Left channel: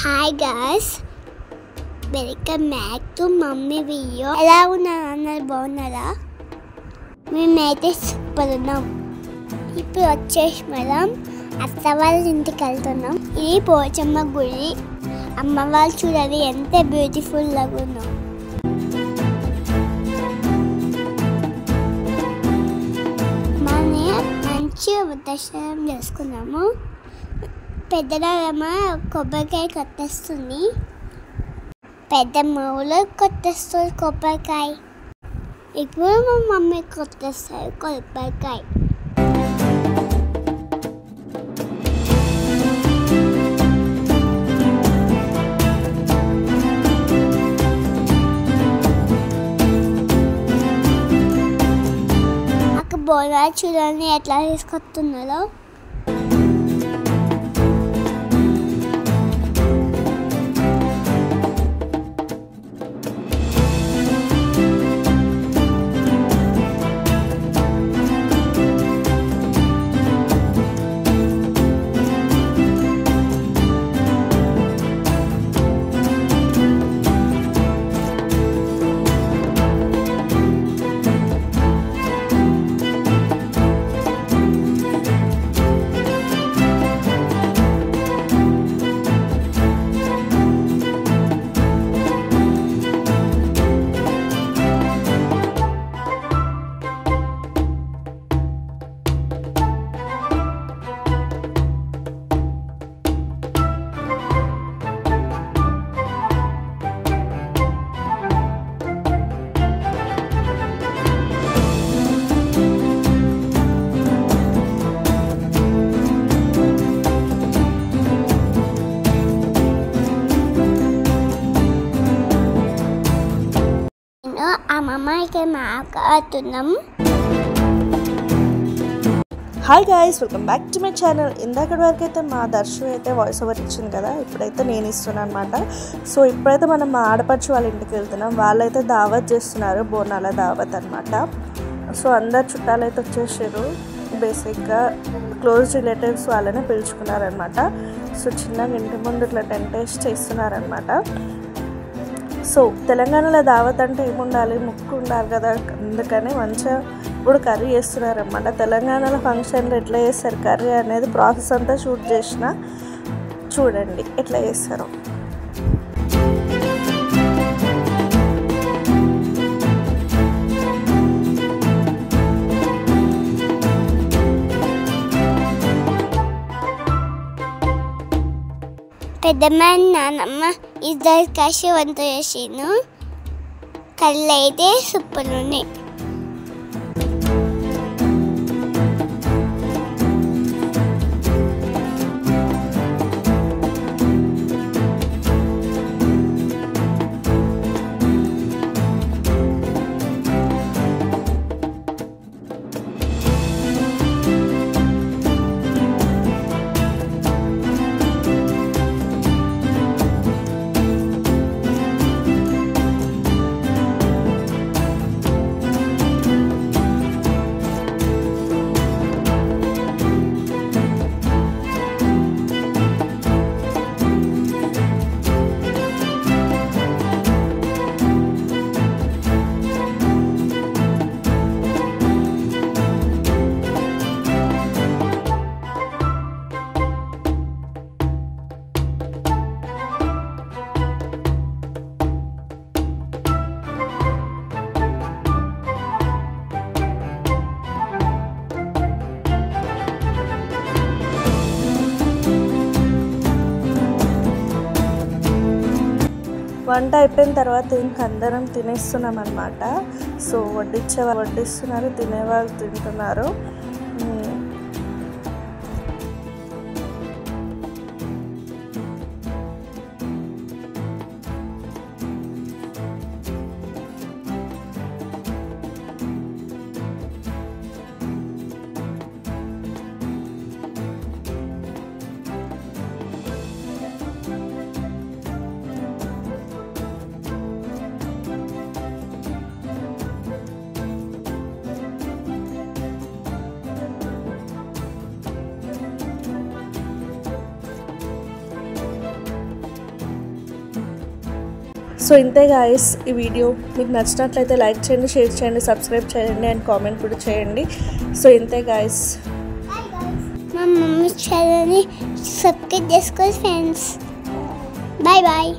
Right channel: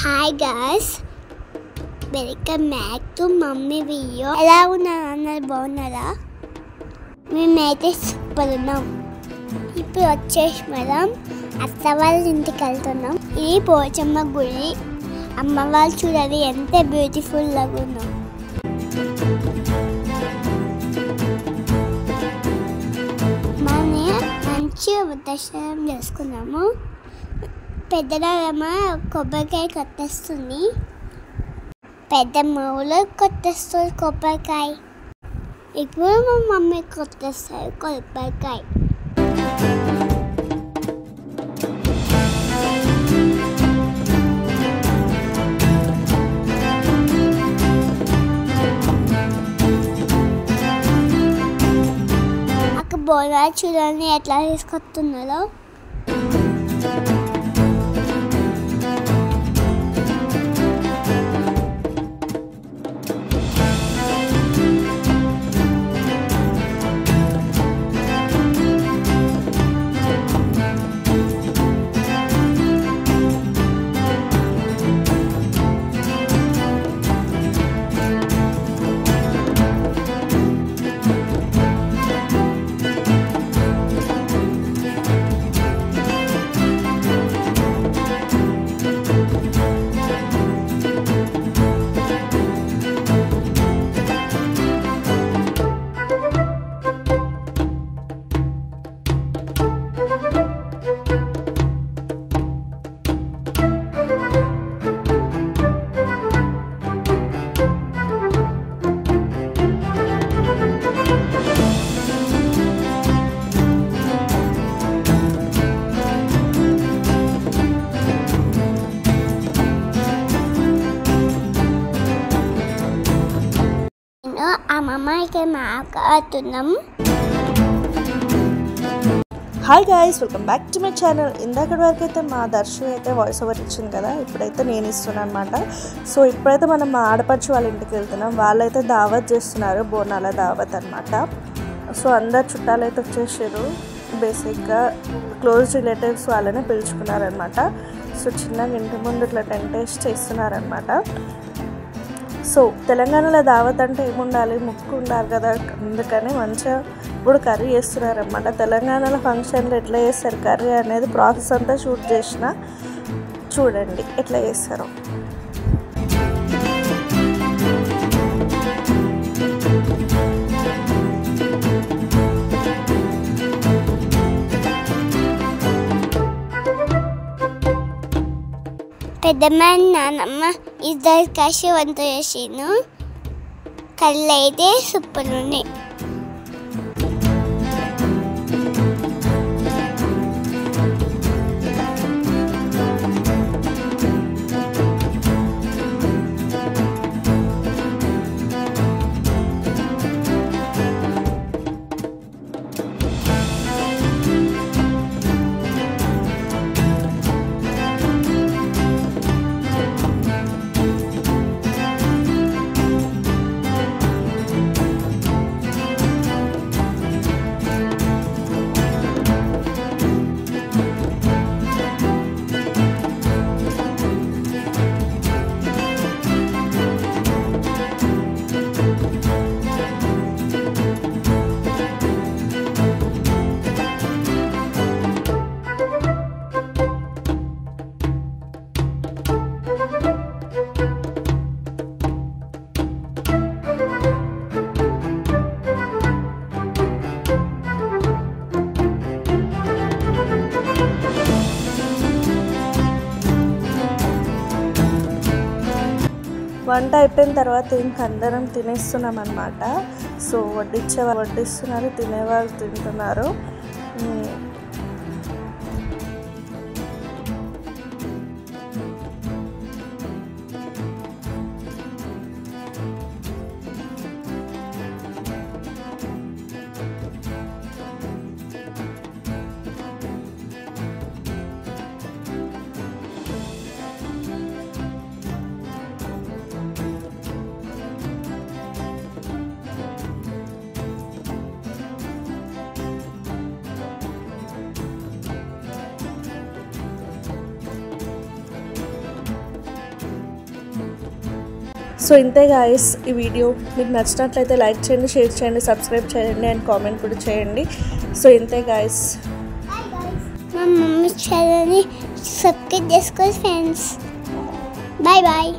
Hi guys, welcome back to mummy video. ఎలా ఉన్నారు? అందరు బాగున్నారా? మేమైతే సూపర్ ఉన్నాం. ఇప్పుడు వచ్చేసి మనం అత్త వాళ్ళ ఇంటికి వెళ్తున్నాం. ఇది పోచమ్మ గుడి. అమ్మవాళ్ళు చూడాలి ఎంత బ్యూటిఫుల్ లాగా ఉన్నాం. మంచిగా దర్శనం చేసుకున్నాము. పెద్దమ్మ కొబ్బరికాయ కొట్టేస్తుంది. పెద్దమ్మ ఊళ్ళో కొట్టేస్తుంది కొబ్బరికాయ. ఇప్పుడు మా మమ్మీ కొట్టేస్తారు కొబ్బరికాయ. అక్కడ బోనాలు చూడండి ఎట్లా తీసుకొస్తున్నారో. అమ్మమ్మకి మాట్లాడుతున్నాం. Hi guys, welcome back to my channel. ఇందాకటి వరకు అయితే మా దర్శు అయితే వాయిస్ ఓవర్ ఇచ్చింది కదా, ఇప్పుడైతే నేను ఇస్తున్నాను అనమాట. సో ఇప్పుడైతే మనం మా ఆడపడుచు వాళ్ళ ఇంటికి వెళ్తున్నాం. వాళ్ళైతే దావత్ చేస్తున్నారు, బోనాల దావత్ అనమాట. సో అందరు చుట్టాలు అయితే వచ్చేసారు. బేసిక్గా క్లోజ్ రిలేటివ్స్ వాళ్ళనే పిలుచుకున్నారనమాట. సో చిన్నగా ఇంటి ముందు ఇట్లా టెంట్ వేసి చేస్తున్నారనమాట. సో తెలంగాణలో దావత్ అంటే ఏముండాలి, ముక్కు ఉండాలి కదా, అందుకని మంచిగా ఇప్పుడు కర్రీ చేస్తున్నారనమాట. తెలంగాణలో ఫంక్షన్లో ఎట్లా చేస్తారు కర్రీ అనేది ప్రాసెస్ అంతా షూట్ చేసిన, చూడండి ఎట్లా చేస్తారో. పెద్దమ్మ నాన్నమ్మ ఇద్దరు కలిసి వంట చేసాను. కళ్ళు అయితే సూపర్ ఉన్నాయి. వంట అయిపోయిన తర్వాత ఇంక అందరం తినేస్తున్నాం అనమాట. సో వడ్డించేవాళ్ళు వడ్డిస్తున్నారు, తినేవాళ్ళు తింటున్నారు. సో ఇంతే గాయస్ ఈ వీడియో మీకు నచ్చినట్లయితే లైక్ చేయండి, షేర్ చేయండి, సబ్స్క్రైబ్ చేయండి అండ్ కామెంట్ కూడా చేయండి. సో ఇంతే గాయస్. మా మమ్మీ ఛానల్ని సబ్స్క్రైబ్ చేసుకోండి ఫ్రెండ్స్. Bye bye.